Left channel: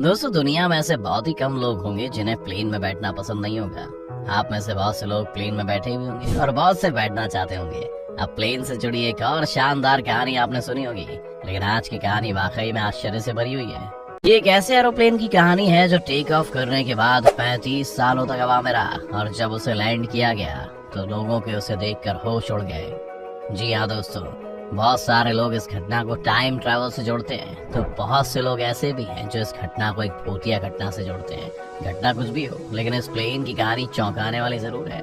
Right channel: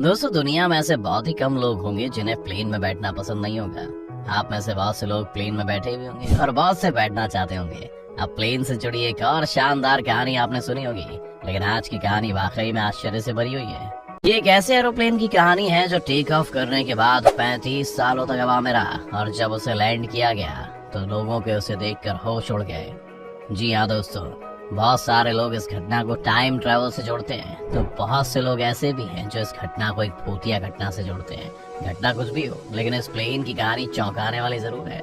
दोस्तों, दुनिया में ऐसे बहुत ही कम लोग होंगे जिन्हें प्लेन में बैठना पसंद नहीं होगा। आप में से बहुत से लोग प्लेन में बैठे हुए होंगे और बहुत से बैठना चाहते होंगे। अब प्लेन से जुड़ी एक और शानदार कहानी आपने सुनी होगी, लेकिन आज की कहानी वाकई में आश्चर्य से भरी हुई है। ये एक ऐसे एरोप्लेन की कहानी है जो टेक ऑफ करने के बाद 35 सालों तक हवा में रहा, और जब उसे लैंड किया गया तो लोगों के उसे देखकर होश उड़ गए। जी हाँ दोस्तों, बहुत सारे लोग इस घटना को टाइम ट्रेवल से जोड़ते हैं, तो बहुत से लोग ऐसे भी हैं जो इस घटना को एक भूतिया घटना से जोड़ते हैं। घटना कुछ भी हो, लेकिन इस प्लेन की कहानी चौंकाने वाली जरूर है।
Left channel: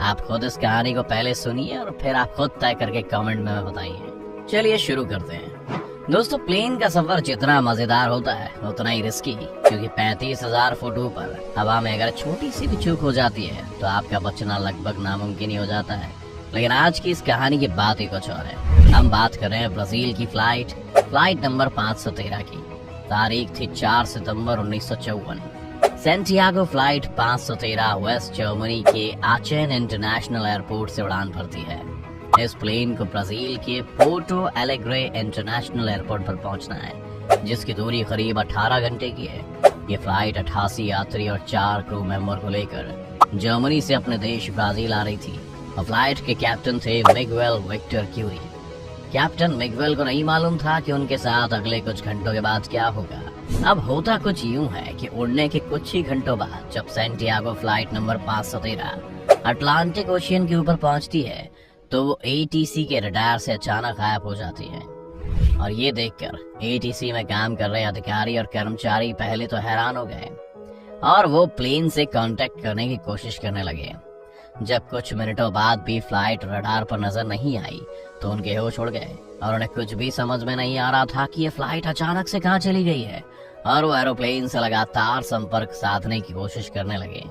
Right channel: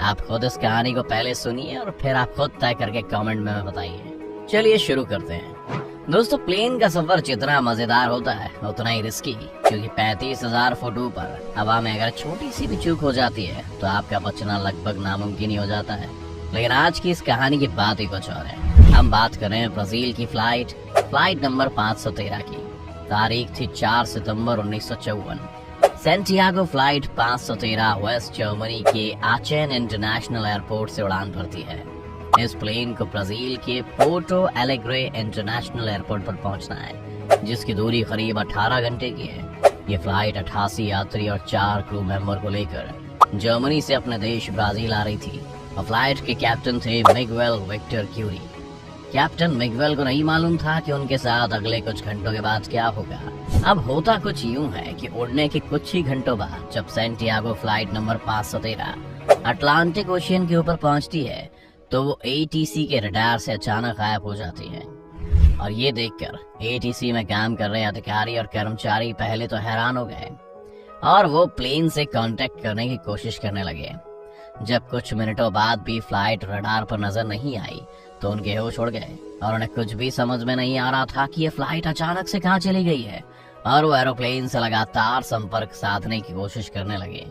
आप खुद इस कहानी को पहले सुनिए और फिर आप खुद तय करके कमेंट में बताइए। चलिए शुरू करते हैं। दोस्तों, प्लेन का सफर जितना मजेदार होता है उतना ही रिस्की, क्योंकि 35,000 फुट ऊपर हवा में अगर छोटी सी भी चूक हो जाती है तो आपका बचना लगभग नामुमकिन ही हो जाता है। लेकिन आज की इस कहानी की बात ही कुछ और है। हम बात कर रहे हैं ब्राजील की फ्लाइट नंबर 513 की। तारीख थी 4 सितंबर 1954। सैंटियागो फ्लाइट 513 वेस्ट जर्मनी के आचेन इंटरनेशनल एयरपोर्ट से उड़ान भरती है। इस प्लेन को ब्राजील के पोर्टो एलेग्रे इंटरनेशनल एयरपोर्ट पर पहुंचना है, जिसकी दूरी करीब 18 घंटे की है। ये फ्लाइट 88 यात्री और 4 क्रू मेंबर को लेकर जर्मनी से अपने देश ब्राजील आ रही थी। फ्लाइट के कैप्टन थे Miguel Victor Curie. Captain Miguel को नहीं मालूम था कि उनके साथ अगले कुछ घंटों के बाद क्या होगा। अब होता कुछ यूं है कि उड़ने के कुछ ही घंटों बाद जब Santiago flight number 513 Atlantic ocean के ऊपर पहुंचती है तो वो एटीसी के रडार से अचानक गायब हो जाती है। और ये देखकर एटीसी में काम कर रहे अधिकारी और कर्मचारी पहले तो हैरान हो गए और वो प्लेन से कांटेक्ट करने की कोशिश करने लगे। जब कुछ मिनटों बाद भी फ्लाइट रडार पर नजर नहीं आई तो उनके होश उड़ गए और उन्हें कुछ भी समझ में नहीं आ रहा था कि ये फ्लाइट अचानक से कहां चली गई है, और वो एरोप्लेन से लगातार संपर्क साधने की कोशिश करने लगे।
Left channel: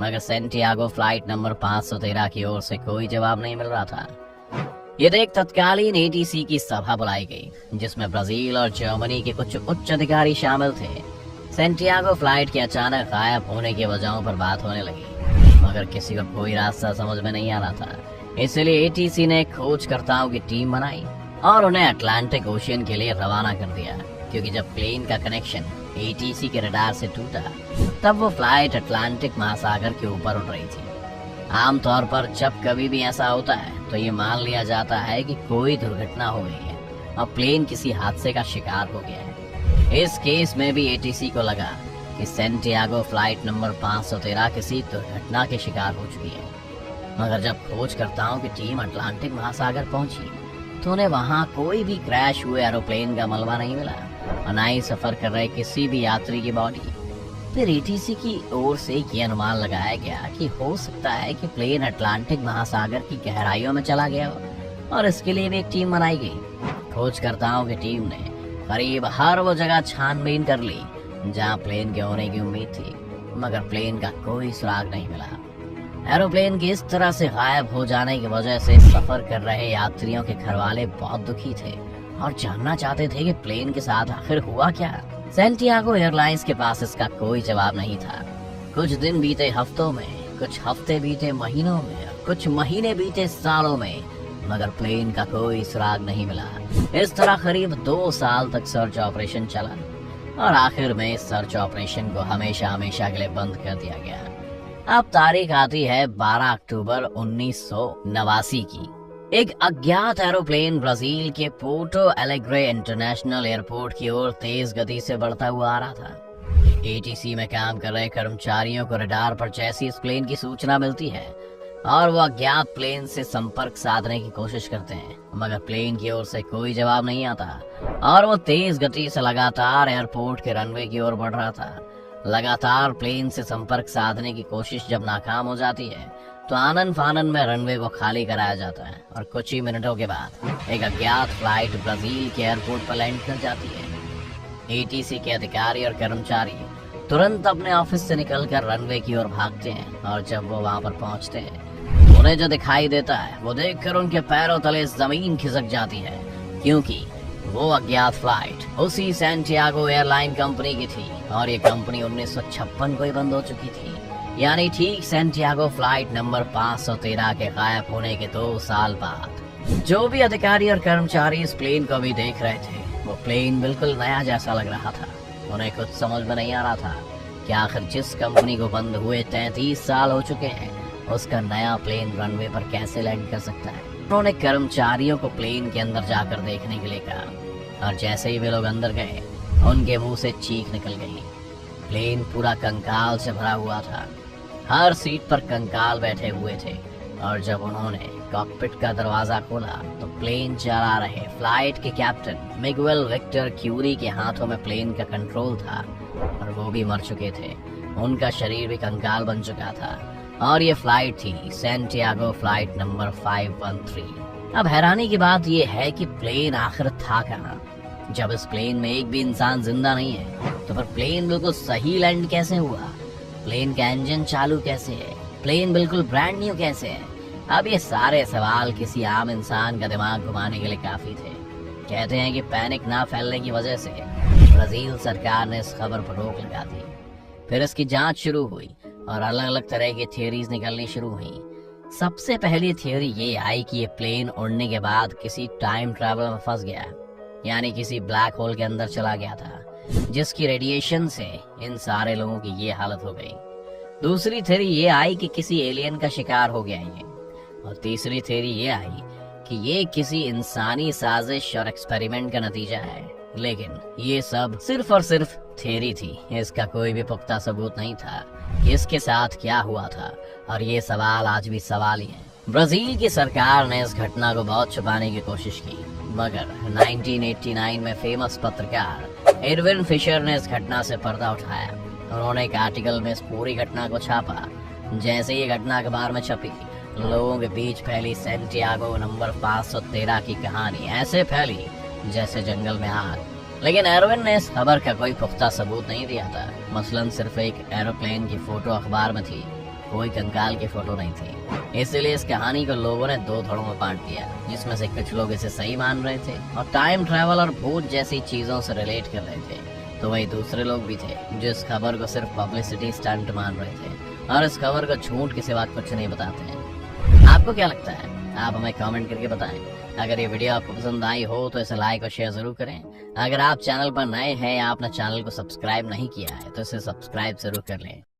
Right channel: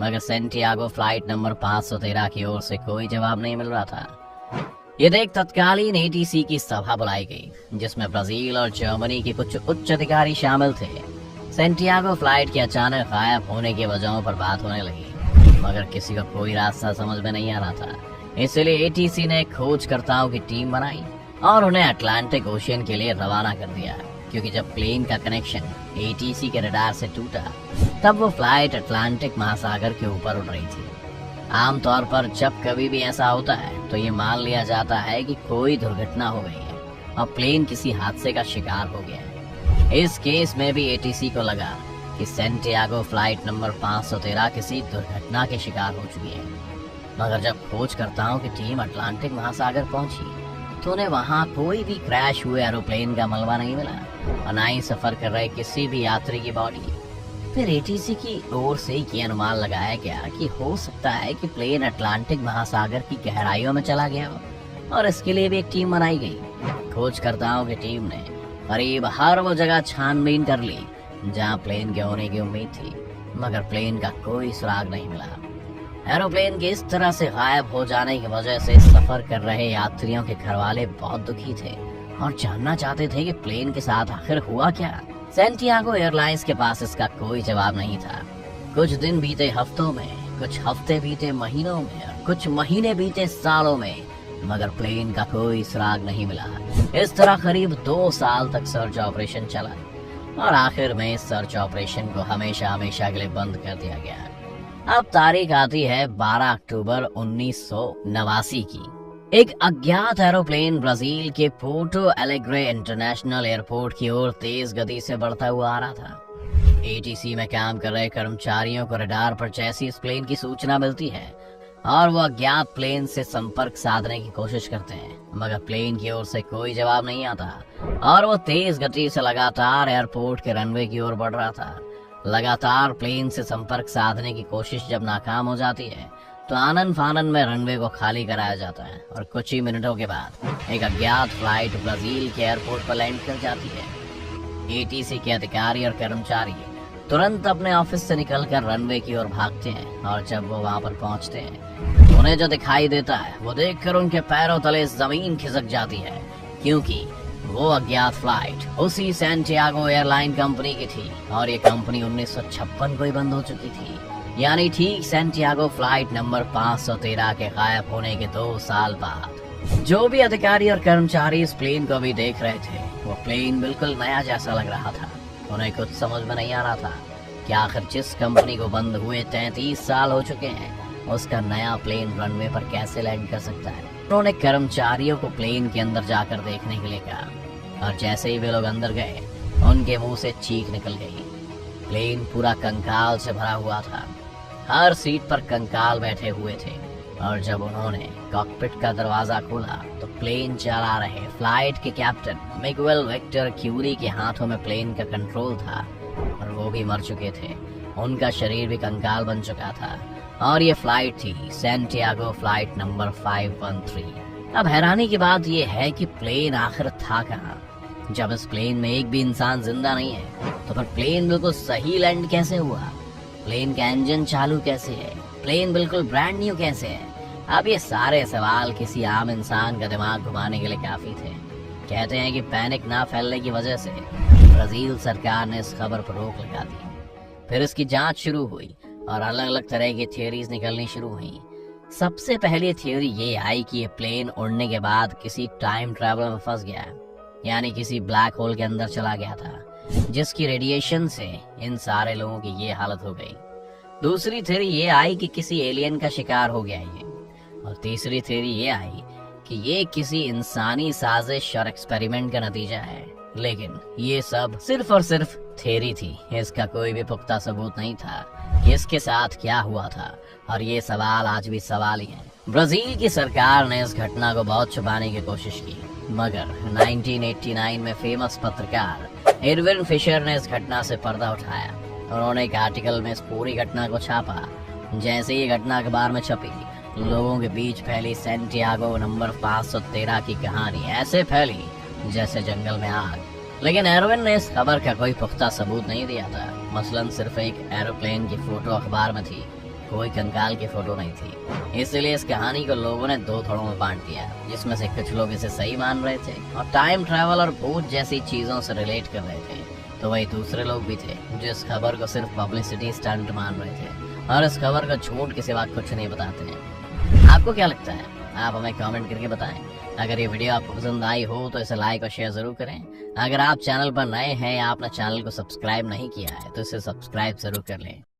मगर सैंटियागो फ्लाइट नंबर 513 की ओर से कोई जवाब नहीं मिल रहा था। ये देख तत्कालीन एटीसी की सभा बुलाई गई, जिसमें ब्राजील और जर्मनी के कुछ उच्च अधिकारी शामिल थे। सैंटियागो फ्लाइट के अचानक गायब होने की वजहों पर बात होने लगी, मगर किसी को कोई रास्ता समझ में नहीं आना था। इसलिए एटीसी ने खोजकर्ताओं की टीम बनाई और उन्हें अटलांटिक ओशियन के लिए रवाना कर दिया, क्योंकि जब प्लेन का कनेक्शन एटीसी के रडार से टूटा तब वो फ्लाइट अटलांटिक महासागर के ऊपर उड़ रही थी। आमतौर पर जब कभी भी ऐसा होता है तो ये मान लिया जाता है कि कोई दुर्घटना हो गई है और प्लेन किसी हादसे का शिकार हो गया है। इस केस में भी एटीसी को लगा कि सैंटियागो फ्लाइट नंबर 513 किसी दुर्घटना के शिकार हो चुकी है। मगर जब खोजकर्ताओं की टीम अटलांटिक महासागर पहुंची तो उन्हें वहां कोई भी क्रैश हुए एरोप्लेन का मलबा नहीं मिला और न ही सफर कर रहे किसी भी यात्री की बॉडी। फिर एटीसी की ओर से ये अनुमान लगाया गया कि हो सकता है कि प्लेन अटलांटिक महासागर की गहराइयों में चला गया हो, और इसके लिए भी एक टीम बनाई गई। खोजकर्ताओं की टीम ने करीब हर वो जगह छानबीन कर ली जहां प्लेन के होने की उम्मीद थी, मगर प्लेन का कोई सुराग नहीं मिला। एरोप्लेन के इस तरह से गायब हो जाने की वजह से सफर कर रहे यात्रियों के घरवाले बहुत दुखी थे और जानना चाहते थे कि प्लेन के साथ आखिर हुआ क्या। सैंटियागो एयरलाइंस के पास इसका कोई जवाब नहीं था। कुछ दिन बीते हफ्तों में, कुछ हफ्ते बीते महीनों में, कुछ महीने बीते सालों में, मगर प्लेन का कोई सुराग नहीं मिला। इस तरह करीब 2 साल तक सर्च ऑपरेशन चला और आखिर में इस सर्च ऑपरेशन को हमेशा के लिए बंद कर दिया गया। अब तारीख आती है 12 अक्टूबर 1989 की। एक अज्ञात एरोप्लेन ब्राजील के पोर्टो एलेग्रे इंटरनेशनल एयरपोर्ट की ओर तेज गति से बढ़ता हुआ आ रहा था। एटीसी में काम कर रहे कर्मचारियों को रडार पर जैसी इस प्लेन की सूचना मिलती है और वो अज्ञात प्लेन से संपर्क साधने की कोशिश करते हैं, मगर प्लेन की ओर से कोई जवाब नहीं आता और वो तेज गति से लगातार एयरपोर्ट के रनवे की ओर बढ़ रहा था। लगातार प्लेन से संपर्क साधने की कोशिश जब नाकाम हो जाती है तो आनन फानन में रनवे को खाली कराया जाता है और कुछ ही मिनटों के बाद एक अज्ञात फ्लाइट ब्राजील के एयरपोर्ट पर लैंड कर जाती है। एटीसी के अधिकारी और कर्मचारी तुरंत अपने ऑफिस से निकलकर रनवे की ओर भागते हैं और जब वो वहां पर पहुंचते हैं तो उन्हें जो दिखाई देता है वो देखकर उनके पैरों तले जमीन खिसक जाती है, क्योंकि वो अज्ञात फ्लाइट उसी सैंटियागो एयरलाइन कंपनी की थी और ये कंपनी 1956 को ही बंद हो चुकी थी। यानी ठीक सैंटियागो फ्लाइट नंबर 513 के गायब होने के 2 साल बाद। जो भी अधिकारी और कर्मचारी इस प्लेन को भी देख रहे थे वो प्लेन बिल्कुल नया जैसा लग रहा था। उन्हें कुछ समझ में नहीं आ रहा था कि आखिर जिस कंपनी को बंद हुए 33 साल हो चुके हैं, उसका नया प्लेन रनवे पर कैसे लैंड कर सकता है। उन्होंने कर्मचारियों को प्लेन के अंदर जाकर देखने के लिए कहा और जैसे ही वे लोग अंदर गए, उनके मुंह से चीख निकल गई। प्लेन पूरा कंकाल से भरा हुआ था। हर सीट पर कंकाल बैठे हुए थे और जब उन्होंने कॉकपिट का दरवाजा खोला तो प्लेन चला रहे फ्लाइट के कैप्टन मिगुएल विक्टर क्यूरी के हाथों में प्लेन का कंट्रोल था और वो भी मर चुके थे। उनका शरीर भी कंकाल बन चुका था और ये फ्लाइट थी सैंटियागो फ्लाइट नंबर 513। अब हैरानी की बात ये है कि प्लेन आखिर था कहाँ। जब इस प्लेन में एक भी इंसान जिंदा नहीं है तो फिर प्लेन बिल्कुल सही लैंड कैसे हुआ? प्लेन का इंजन चालू कैसे है? प्लेन बिल्कुल ब्रांड न्यू कैसे है? अब ये सारे सवाल किसी आम इंसान का दिमाग घुमाने के लिए काफी थे। कहते हैं कि पैनिक ना फैलने की वजह से ब्राजील सरकार ने इस खबर पर रोक लगा दी। फिर इसकी जांच शुरू हुई और अलग अलग तरह की थियोरीज निकलनी शुरू हुई। सबसे पहले थियोरी ये आई कि ये प्लेन उड़ने के बाद किसी टाइम ट्रैवल में फंस गया, यानी किसी ब्लैक होल के अंदर चला गया था, जिसकी रेडिएशन से इन सारे लोगों की ये हालत हो गई। दूसरी थ्योरी ये आई कि किसी एलियन का शिकार हो गया ये, और तीसरी थ्योरी ये आई कि ये किसी इंसानी साजिश और एक्सपेरिमेंट का नतीजा है। लेकिन ये सब सिर्फ और सिर्फ थ्योरी थी, इसका कोई भी पुख्ता सबूत नहीं था कि इसके साथ क्या हुआ था, और ये सवाल आज भी सवाल ही है। ब्राजील की सरकार ने इस घटना को बहुत छुपाने की कोशिश की, मगर 1989 में फेमस पत्रकार एडविन फिशर ने इस घटना से पर्दा उठाया। उन्होंने एक आर्टिकल में इस पूरी घटना को छापा। जैसे ये घटना अखबार में छपी, लोगों के बीच फैली सैंटियागो नंबर 513 की कहानी ऐसे फैली जैसे जंगल में आग। लेकिन एडविन ने इस खबर का कोई पुख्ता सबूत नहीं दिया था। मसलन सिर्फ एक एरोप्लेन की फोटो अखबार में थी, कोई कंकाल की फोटो नहीं थी। इसलिए इस कहानी को लोगों ने दो थोड़ों में बांट दिया, जिसमें से कुछ लोग इसे सही मान रहे थे और टाइम ट्रैवल और भूत जैसी चीजों से रिलेट कर रहे थे, तो वही दूसरे लोग भी थे जो इस खबर को सिर्फ पब्लिसिटी स्टंट मान रहे थे और इस खबर को झूठ के सिवा कुछ नहीं बताते हैं। आपको क्या लगता है? आप हमें कमेंट करके बताएं। अगर ये वीडियो आपको पसंद आई हो तो इसे लाइक और शेयर जरूर करें। अगर आप चैनल पर नए हैं या आपने चैनल को सब्सक्राइब नहीं किया है तो इसे सब्सक्राइब जरूर कर लें।